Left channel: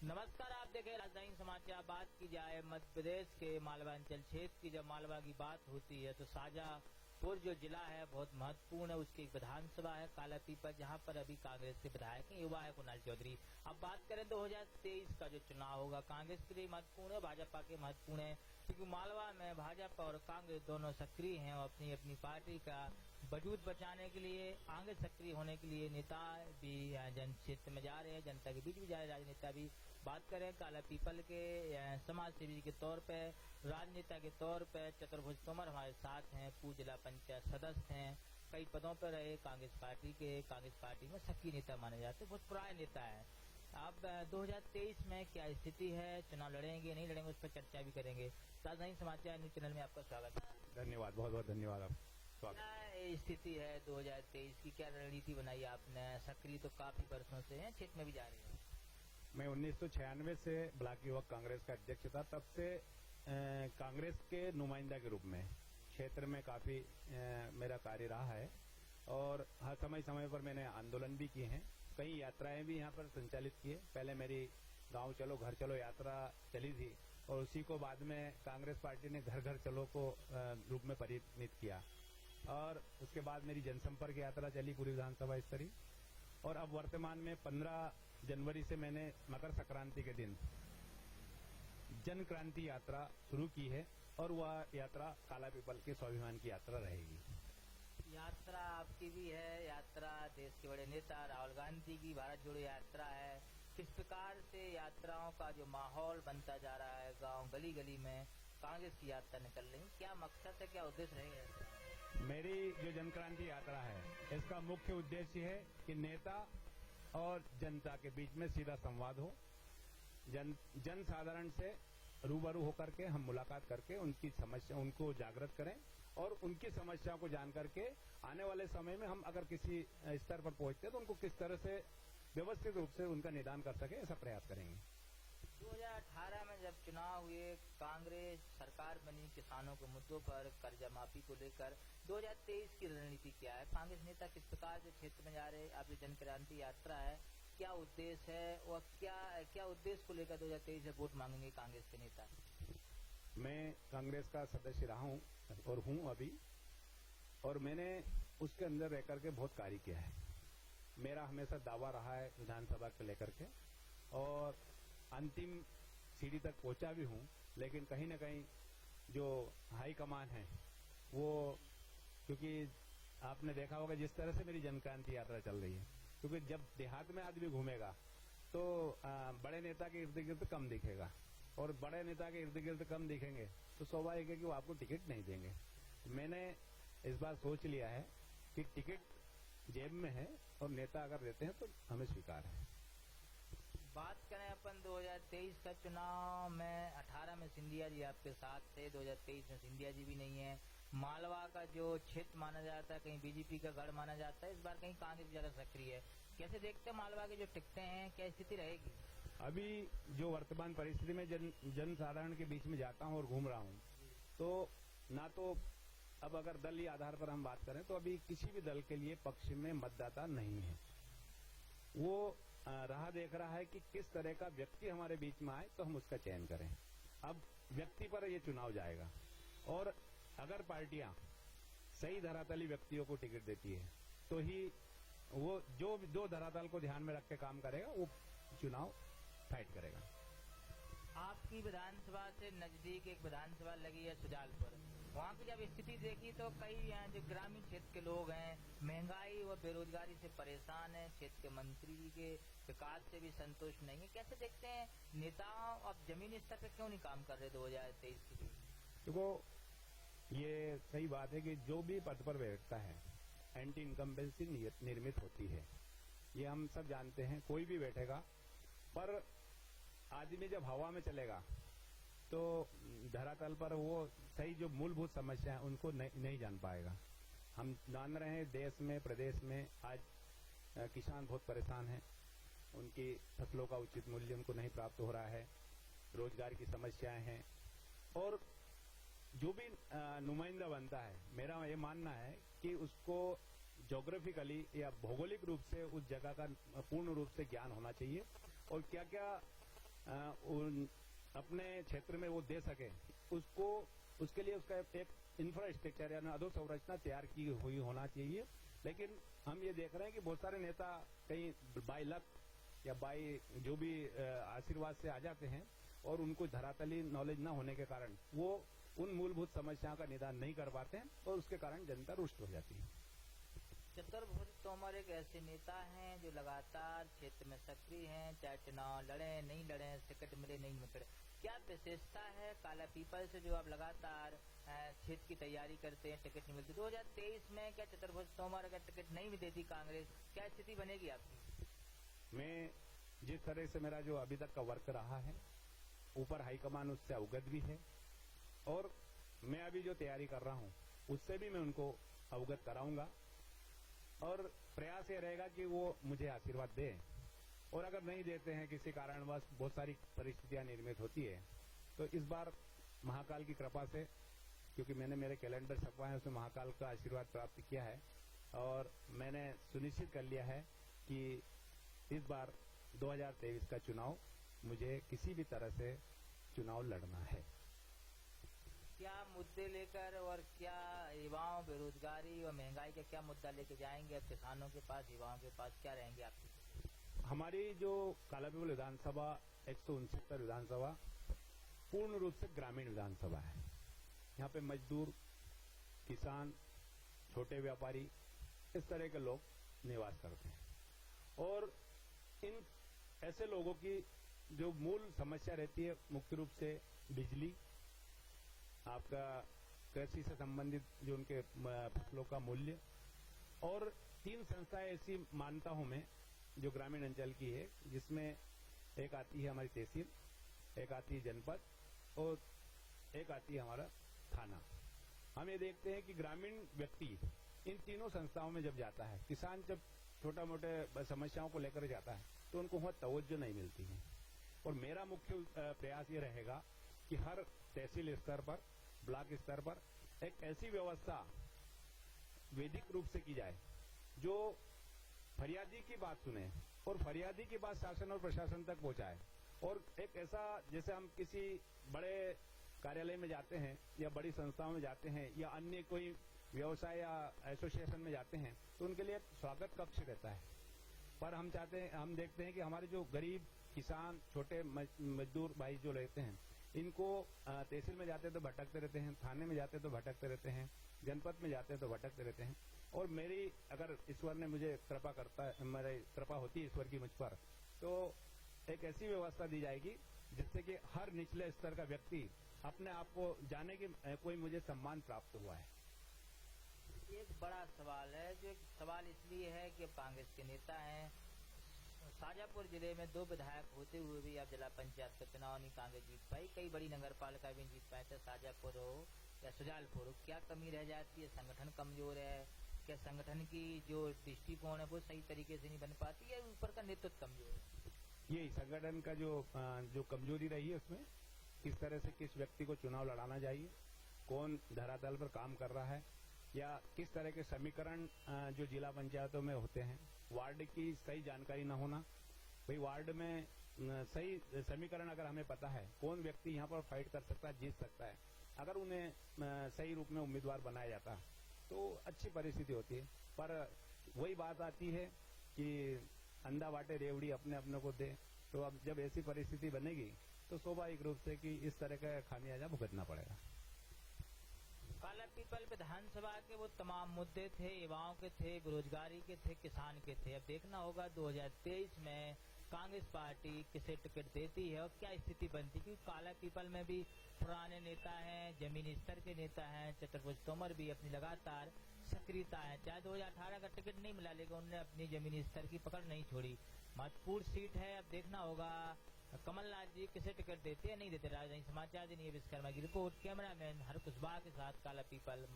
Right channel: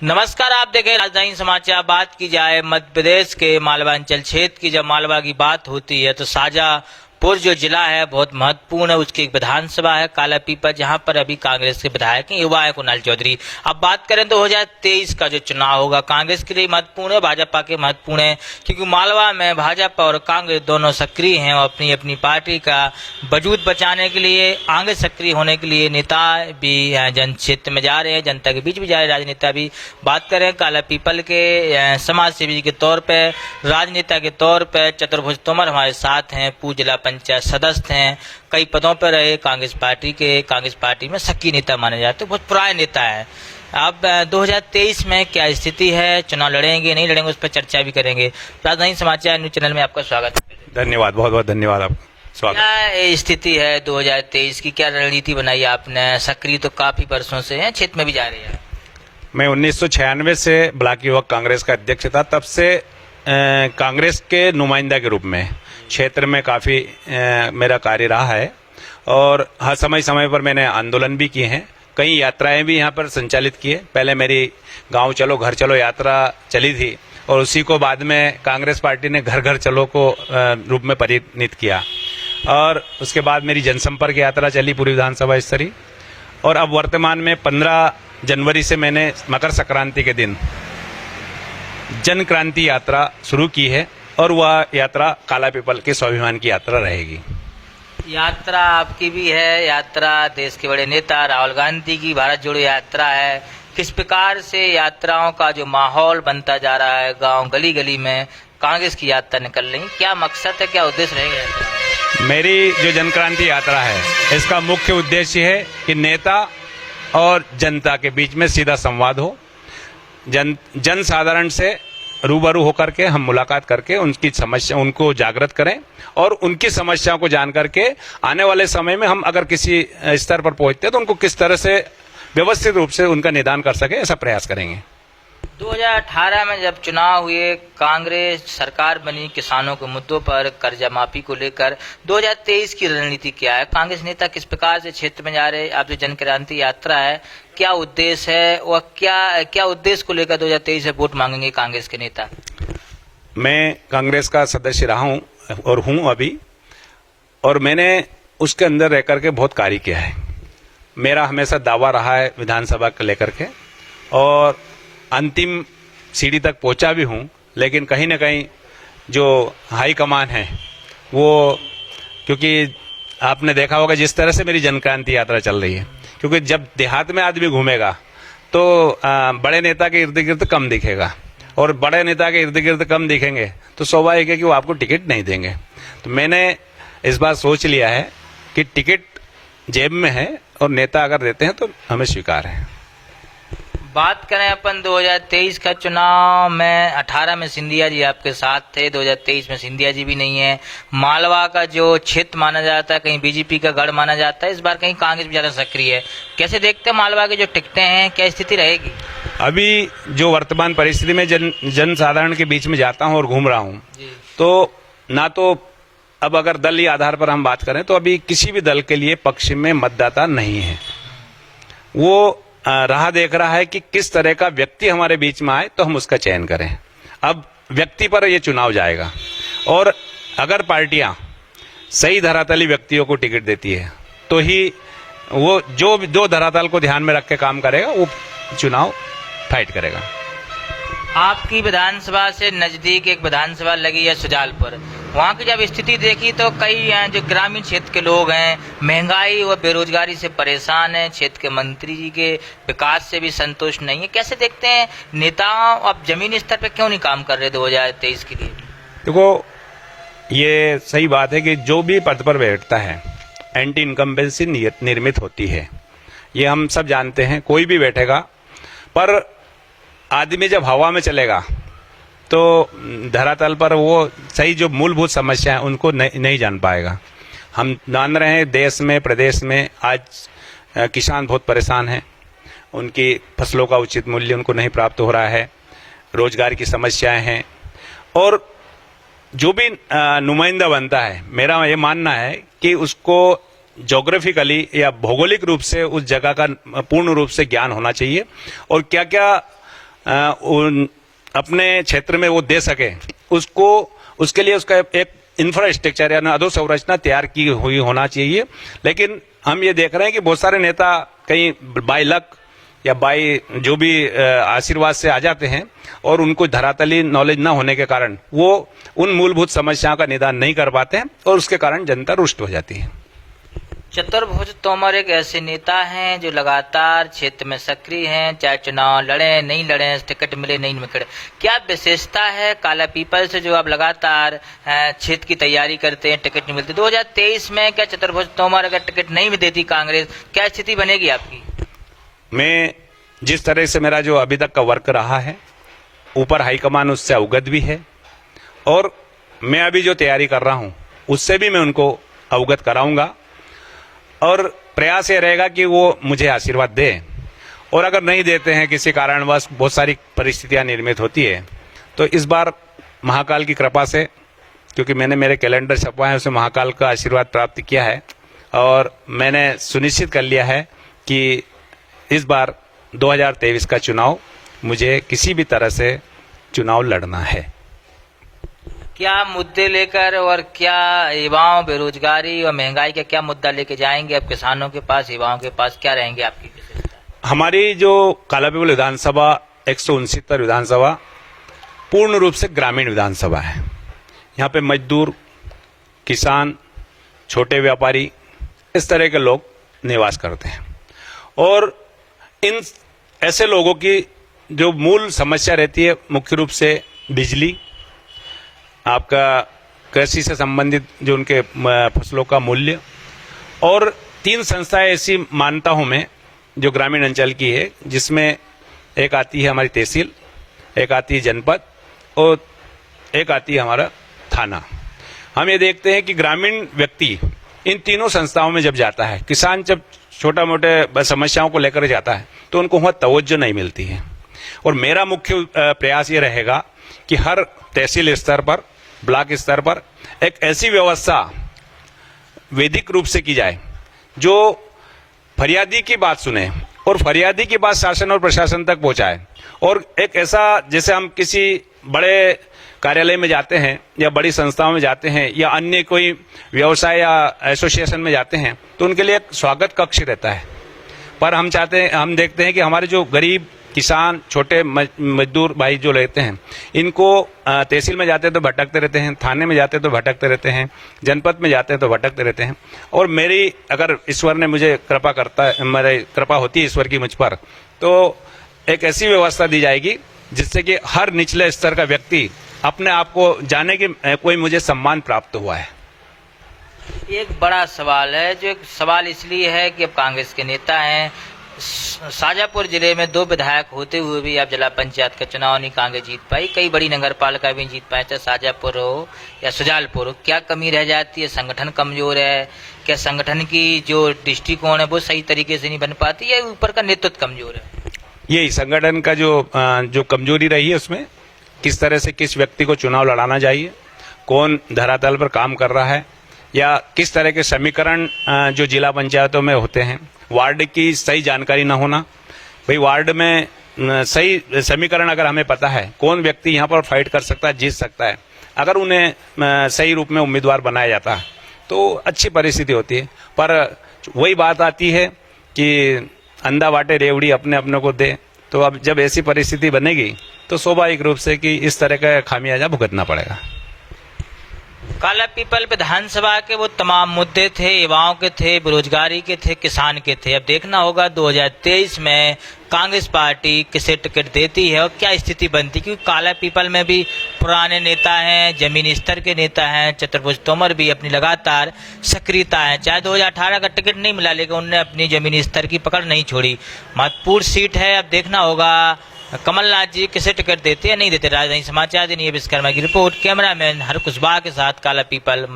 नमस्कार, आप देखें राजधानी समाचार। बात की जाए मध्य प्रदेश के मालवा अंचल क्षेत्र की, जब मालवा की बात होती है तो शाजापुर जो जिला है बहुत महत्वपूर्ण है। उसकी एक विधानसभा है कालापीपल, जहां पर अभी कांग्रेस के विधायक हैं, युवा है कुणाल चौधरी। अब बात करें 2023 का जो चुनाव होगा कांग्रेस के लिए महत्वपूर्ण है, भाजपा के महत्वपूर्ण है, क्योंकि मालवा में भाजपा और कांग्रेस दोनों सक्रिय हैं और अपनी अपनी पार्टी का वजूद बचाने के लिए, आगे सक्रिय होने के लिए नेता भी जन क्षेत्र में जा रहे हैं, जनता के बीच भी जा रहे हैं, राजनेता भी। बात करें कालापीपल के समाज सेवी के तौर पे, राजनेता के तौर पे चतुर्भुज तोमर हमारे साथ हैं, पूर्व जिला पंचायत सदस्य हैं, कई पदों पर रहे कांग्रेस पार्टी के, कांग्रेस पार्टी में सक्रिय नेता माने जाते, बहुत पुराने नेता है। अब 2023 में क्या स्थिति है, चुनाव लड़ेंगे नहीं लड़ेंगे, उस पर चर्चा भी करेंगे। राजधानी समाचार न्यूज चैनल में आपका स्वागत है। धन्यवाद, बहुत बहुत धन्यवाद आपका स्वागत। क्या स्थिति है 2023 की, क्या रणनीति बनाई आपने? सक्रिय तो काफी वर्षों से हैं, क्षेत्र में भी जा रही है। मैं 1996 से ब्लॉक युवक कांग्रेस का अध्यक्ष था, तब से कांग्रेस के नुमाइंदा के रूप में क्षेत्र में काफ़ी मेरा कार्य रहा है और हर समय समय पर मैंने आंदोलन भी किए हैं, कई यात्राएं भी यहाँ पर संचालित की है। पहले मेरी गांव चलो घर चलो यात्रा चली थी और उसी को बाद में कांग्रेस पार्टी ने घर घर चलो को रूप में परिणित किया और उसके बाद मेरी जनसंपर्क यात्रा चली पूरी विधानसभा स्तरीय। और अब वर्तमान में 15 जनवरी से मैंने मकर संक्रांति के दिन जन क्रांति यात्रा शुरू की है और वह यात्रा कालापीपल के स्वाभिमान की यात्रा रहेगी। यात्रा आपकी भी है, यात्रा देश के बड़े नेता राहुल गांधी की भारत जोड़ो यात्रा है। किस प्रकार से यात्राओं का जो माहौल बनता जा रहा है, गांव गली गली में कांग्रेस की यात्रा निकल रही, क्या मकसद है, क्या उद्देश्य रहेगा? मेरी जो जन क्रांति यात्रा है इसका मुख्य उद्देश्य है कि नेता और जनता के बीच में सीधा संवाद हो, जन साधारण से रूबरू होकर के हम मुलाकात करके उनकी समस्या उनको जागृत करें और उनकी समस्याओं को जान करके आने वाले समय में हम अगर किसी स्तर पर पहुंचते हैं तो उनको किस तरह से व्यवस्थित रूप से उनका निदान कर सके, ऐसा प्रयास करेंगे। 2018 में जब चुनाव हुए, कांग्रेस सरकार बनी किसानों के मुद्दों पर, कर्जा माफी को लेकर, 2023 की रणनीति क्या है? कांग्रेस नेता किस प्रकार से क्षेत्र में जा रहे हैं? आप जो जन क्रांति यात्रा है, क्या उद्देश्य है और क्या उद्देश्य को लेकर 2023 से वोट मांगेंगे कांग्रेस के नेता? मैं कांग्रेस का सदस्य रहा हूं और हूं अभी, और मैंने उसके अंदर रह करके बहुत कार्य किया है। मेरा हमेशा दावा रहा है विधानसभा को लेकर के और अंतिम सीढ़ी तक पहुंचा भी हूं, लेकिन कहीं ना कहीं जो हाई कमान है वो, क्योंकि आपने देखा होगा जिस तरह से मेरी जनक्रांति यात्रा चल रही है, क्योंकि जब देहात में आदमी घूमेगा तो बड़े नेता के इर्द गिर्द कम दिखेगा और बड़े नेता के इर्द गिर्द कम दिखेंगे तो स्वाभाविक है कि वो आपको टिकट नहीं देंगे। तो मैंने इस बार सोच लिया है कि टिकट जेब में है और नेता अगर देते हैं तो हमें स्वीकार है। बात करें अपन 2023 का चुनाव में, 18 में सिंधिया जी आपके साथ थे, 2023 में सिंधिया जी भी नहीं है। मालवा का जो क्षेत्र माना जाता है, कहीं बीजेपी का गढ़ माना जाता है, इस बार कहीं कांग्रेस भी ज्यादा सक्रिय है। कैसे देखते हैं मालवा के जो टिकटें हैं, क्या स्थिति रहेगी? अभी जो वर्तमान परिस्थिति में जन साधारण के बीच में जाता हूं और घूम रहा हूं, तो ना तो अब अगर दलीय आधार पर हम बात करें तो अभी किसी भी दल के लिए पक्ष में मतदाता नहीं है। वो राह देख रहा है कि किस तरह का व्यक्ति हमारे बीच में आए तो हम उसका चयन करें। अब व्यक्ति पर यह चुनाव जाएगा और अगर पार्टियां सही धरातली व्यक्तियों को टिकट देती है तो ही वो जो धरातल को ध्यान में रख के काम करेगा वो चुनाव फाइट करेगा। आपकी विधानसभा से नजदीक एक विधानसभा लगी है सुजालपुर, वहाँ की जब स्थिति देखी तो कई जो ग्रामीण क्षेत्र के लोग हैं महंगाई और बेरोजगारी से परेशान हैं, क्षेत्र के मंत्री जी के विकास से भी संतुष्ट नहीं है। कैसे देखते हैं नेताओं अब जमीनी स्तर पर क्यों नहीं काम कर रहे 2023 के लिए? देखो, ये सही बात है कि जो भी पद पर बैठता है एंटी इनकम्बेंसी निर्मित होती है, ये हम सब जानते हैं। कोई भी बैठेगा, पर आदमी जब हवा में चलेगा तो धरातल पर वो सही जो मूलभूत समस्या है उनको नहीं जान पाएगा। हम जान रहे हैं देश में प्रदेश में आज किसान बहुत परेशान हैं, उनकी फसलों का उचित मूल्य उनको नहीं प्राप्त हो रहा है, रोजगार की समस्याएं हैं और जो भी नुमाइंदा बनता है, मेरा ये मानना है कि उसको ज्योग्राफिकली या भौगोलिक रूप से उस जगह का पूर्ण रूप से ज्ञान होना चाहिए और क्या क्या अपने क्षेत्र में वो दे सके, उसके लिए उसका एक इंफ्रास्ट्रक्चर यानी अधोसंरचना तैयार की हुई होना चाहिए। लेकिन हम ये देख रहे हैं कि बहुत सारे नेता कहीं बाय लक या बाय जो भी आशीर्वाद से आ जाते हैं और उनको धरातली नॉलेज न होने के कारण वो उन मूलभूत समस्याओं का निदान नहीं कर पाते हैं और उसके कारण जनता रुष्ट हो जाती है। चतुर्भुज तोमर एक ऐसे नेता हैं जो लगातार क्षेत्र में सक्रिय हैं, चाहे चुनाव लड़े नहीं लड़े, टिकट मिले नहीं मिले। क्या विशेषता है काला पीपल से जो आप लगातार क्षेत्र की तैयारी करते हैं, टिकट नहीं मिलती? 2023 में क्या चतुर्भुज तोमर अगर टिकट नहीं भी देती कांग्रेस, क्या स्थिति बनेगी आपकी? मैं जिस तरह से मेरा जो अभी तक का वर्क रहा है, ऊपर हाईकमान उससे अवगत भी है और मैं अभी जो तैयारी कर रहा हूं उससे भी मैं उनको अवगत कराऊंगा और प्रयास ये रहेगा कि वो मुझे आशीर्वाद दें। और अगर नहीं देते हैं, किसी कारणवश बहुत सारी परिस्थितियां निर्मित होती है, तो इस बार महाकाल की कृपा से, क्योंकि मैंने मेरे कैलेंडर छपवाए हैं, उसमें महाकाल का आशीर्वाद प्राप्त किया है और मैंने सुनिश्चित कर लिया है कि इस बार 2023 का चुनाव मुझे किसी भी तरह से चुनाव लड़ना है। क्या मुद्दे लेकर और क्या युवाओं, बेरोजगारी और महंगाई का क्या मुद्दा लेके जाएंगे अब किसानों के पास, युवाओं के पास? क्या रहेंगे आपकी विशेषता? हमारी जो कालापीपल विधानसभा 169 विधानसभा पूर्ण रूप से ग्रामीण विधानसभा है। यहाँ पे मजदूर, किसान, छोटे व्यापारी, इस तरह के लोग निवास करते हैं और इन ऐसे लोगों की जो मूल समस्या रहती है मुख्य रूप से बिजली, आपका कृषि से संबंधित जो उनके फसलों का मूल्य, और 3 संस्थाएं ऐसी मानता हूं मैं जो ग्रामीण अंचल की है, जिसमें एक आती है हमारी तहसील, एक आती है जनपद और एक आती है हमारा थाना। हम ये देखते हैं कि ग्रामीण व्यक्ति इन तीनों संस्थाओं में जब जाता है, किसान जब छोटा मोटे समस्याओं को लेकर जाता है तो उनको वहां तवज्जो नहीं मिलती है। और मेरा मुख्य प्रयास ये रहेगा कि हर तहसील स्तर पर, ब्लॉक स्तर पर एक ऐसी व्यवस्था वैधिक रूप से की जाए जो फरियादी की बात सुने और फरियादी की बात शासन और प्रशासन तक पहुंचाए। और एक ऐसा, जैसे हम किसी बड़े कार्यालय में जाते हैं या बड़ी संस्थाओं में जाते हैं या अन्य कोई व्यवसाय या एसोसिएशन में जाते हैं तो उनके लिए एक स्वागत कक्ष रहता है, पर हम देखते हैं कि हमारे जो गरीब किसान, छोटे मजदूर भाई जो रहते हैं, इनको तहसील में जाते हैं तो भटकते रहते हैं, थाने में जाते हैं तो भटकते रहते हैं, जनपद में जाते हैं तो भटकते रहते हैं। और मेरी, अगर ईश्वर ने मुझे कृपा होती है ईश्वर की मुझ पर, तो एक ऐसी व्यवस्था दी जाएगी जिससे कि हर निचले स्तर का व्यक्ति अपने आप को जाने कि कोई मुझे सम्मान प्राप्त हुआ है। एक बड़ा सवाल है, जो एक सवाल इसलिए है कि अब कांग्रेस के नेता हैं, शाजापुर जिले में 2 विधायक होते हुए भी आप जिला पंचायत का चुनाव नहीं कांग्रेस जीत पाई, कई बड़ी नगर पालिका भी जीत पाए, चाहे शाजापुर हो या सुजालपुर हो। क्या कमी रह जाती है? संगठन कमजोर है? क्या संगठन की जो दृष्टिकोण है वो सही तरीके से नहीं बन पाती, या ऊपर का नेतृत्व कमजोर है? यही संगठन का जो कमजोरी रही है, उसमें किस तरह से किस व्यक्ति को चुनाव लड़ाना चाहिए, कौन धरातल पर काम कर रहा है, या किस तरह के समीकरण जो जिला पंचायतों में होते हैं, वार्ड की सही जानकारी न होना। भाई वार्ड में सही समीकरण अगर हमें पता है, कौन व्यक्ति यहाँ पर फाइट कर सकता है, जीत सकता है, अगर उन्हें सही रूप में उम्मीदवार बनाया जाता है तो अच्छी परिस्थिति होती है। पर वही बात आती है कि अंधा बाटे रेवड़ी अपने अपने को दे, तो अब जब ऐसी परिस्थिति बनेगी तो स्वाभाविक रूप से कि इस तरह का खामियाजा भुगतना पड़ेगा। काला पीपल विधानसभा के वो तमाम मुद्दे थे, युवाओं के थे, बेरोजगारी के थे, किसान के थे। अब देखना होगा 2023 में कांग्रेस पार्टी किसे टिकट देती है और क्या स्थिति बनती, क्योंकि काला पीपल में भी पुराने नेता हैं, जमीनी स्तर के नेता हैं। चतुर्भुज तोमर भी अपनी लगातार सक्रियता है, चाहे 2018 का टिकट नहीं मिला लेकिन उनने अपनी जमीनी स्तर की पकड़ नहीं छोड़ी। महत्वपूर्ण सीट है, अब देखना होगा कमलनाथ जी किसे टिकट देते या नहीं देते। राजधानी समाचार दिन ये विश्वकर्मा की रिपोर्ट, कैमरामैन हर कुशवाहा के साथ काला पीपल।